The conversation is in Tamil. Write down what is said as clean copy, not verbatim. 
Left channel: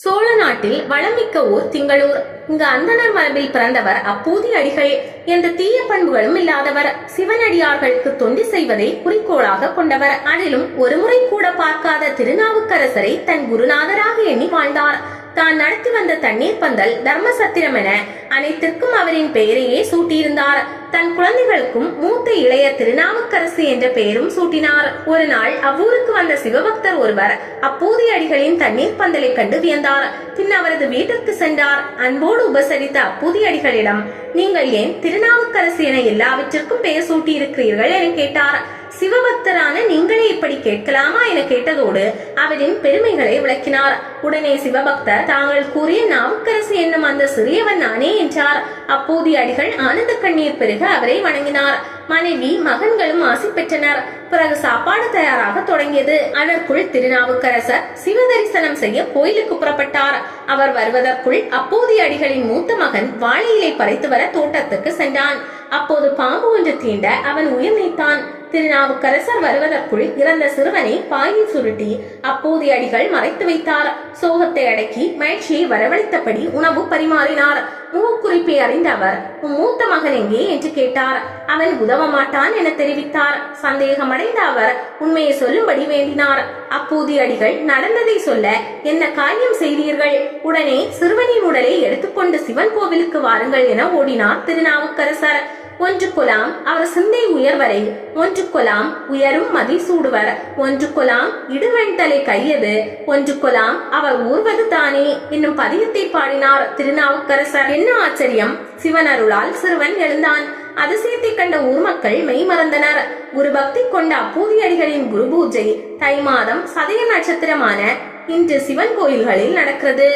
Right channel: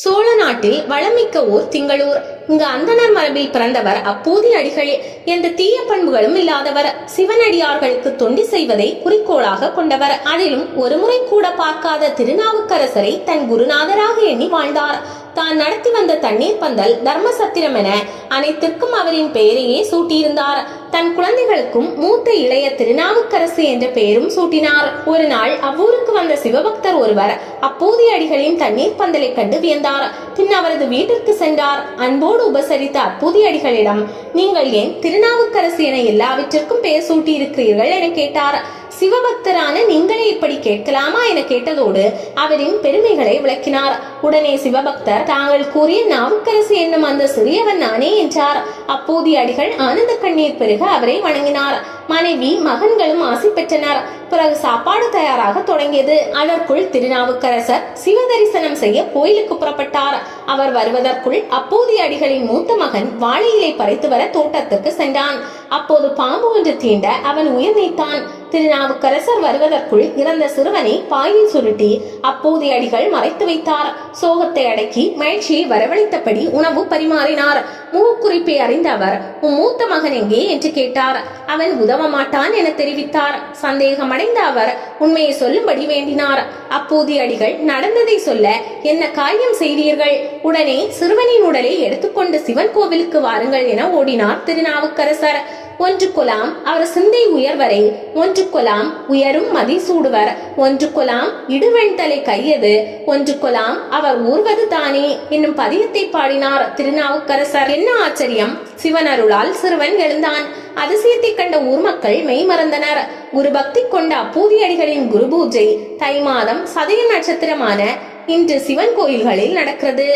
சோழ நாட்டில் வளமிக்க ஊர் திங்களூர். இங்கு அந்தணர் மரபில் பிறந்தவர் அப்பூதி அடிகள். எந்த தீய பண்புகளும் இல்லாதவர். சிவனடியார்களுக்கு தொண்டு செய்வதை குறிக்கோளாக கொண்டவர். அதிலும் ஒருமுறை கூட பார்க்காத திருநாவுக்கரசரை தன் குருநாதராக எண்ணி வாழ்ந்தார். தான் நடத்தி வந்த தண்ணீர் பந்தல், தர்மசத்திரம் என அனைத்திற்கும் அவரின் பெயரையே சூட்டியிருந்தார். தன் குழந்தைகளுக்கும் மூத்த இளைய திருநாவுக்கரசு என்ற பெயரும் சூட்டினார். ஒரு நாள் அவ்வூருக்கு வந்த சிவபக்தர் ஒருவர் அப்பூதி அடிகளின் தண்ணீர் பந்தலை கண்டு வியந்தார். பின் அவரது வீட்டிற்கு சென்றார். அன்போடு உபசரித்த அப்பூதி அடிகளிடம், நீங்கள் ஏன் திருநாவுக்கரசு என எல்லாவற்றிற்கும் பெயர் சூட்டி இருக்கிறீர்கள் என கேட்டார். சிவபக்தரான நீங்களே இப்படி கேட்கலாமா என கேட்டதோடு அவரின் பெருமைகளை விளக்கினார். உடனே சிவபக்தர், தாங்கள் கூறிய நாவுக்கரசு என்னும் அந்த சிறியவன் நானே என்றார். அப்பூதி அடிகள் ஆனந்த கண்ணீர் பெருக அவரை வணங்கினார். மனைவி மகன்களும் ஆசி பெற்றனர். பிறகு சாப்பாடு தயாராக தொடங்கியது. அதற்குள் திருநாவுக்கரசர் சிவ தரிசனம் செய்ய கோயிலுக்கு புறப்பட்டார். அவர் வருவதற்குள் அப்பூதி அடிகளின் மூத்த மகன் வாழை இலை பறித்து வர தோட்டத்துக்கு சென்றான். அப்போது பாம்பு ஒன்று தீண்ட அவன் உயிர் நீத்தான். திருநாவுக்கரசர் வருவதற்குள் இறந்த சிறுவனை பாயில் சுருட்டி அப்பூதி அடிகள் மறைத்து வைத்தார். சோகத்தை அடக்கி மகிழ்ச்சியை வரவழைத்தபடி உணவு பரிமாறினார். முகக்குறிப்பை அறிந்த அவர், உன் மூத்த மகன் எங்கே என்று கேட்டார். அவன் உதவ மாட்டான் என தெரிவித்தார். சந்தேகமடைந்த அவர் உண்மையை சொல்லும்படி வேண்டினார். அப்பூதி அடிகள் நடந்ததை சொல்ல, என்ன காரியம் செய்தீர்கள்? உடனே சிறுவனின் உடலை எடுத்துக்கொண்டு சிவன் கோவிலுக்கு வாருங்கள் என ஓடினார் திருநாவுக்கரசர். ஒன்று கொலாம் அவர் சிந்தை உயர்வரை, ஒன்று கொலாம் உயரும் மதி சூடுவர், ஒன்று கொலாம் இடுவெண்தலை கையது, ஒன்று கொலாம் அவர் ஊர்வது தானே என்னும் பதியத்தை பாடினார் திருநாவுக்கரசர். என்ன ஆச்சரியம்! சிவன் அருளால் சிறுவன் எழுந்தான். அதிசயத்தை கண்ட ஊர் மக்கள் மெய் மறந்தனர். குரு பக்தி கொண்ட அப்பூதி அடிகளின் குரு பூஜை தை மாதம் சதய நட்சத்திரமான இன்று சிவன் கோயில்களில் நடக்கிறது.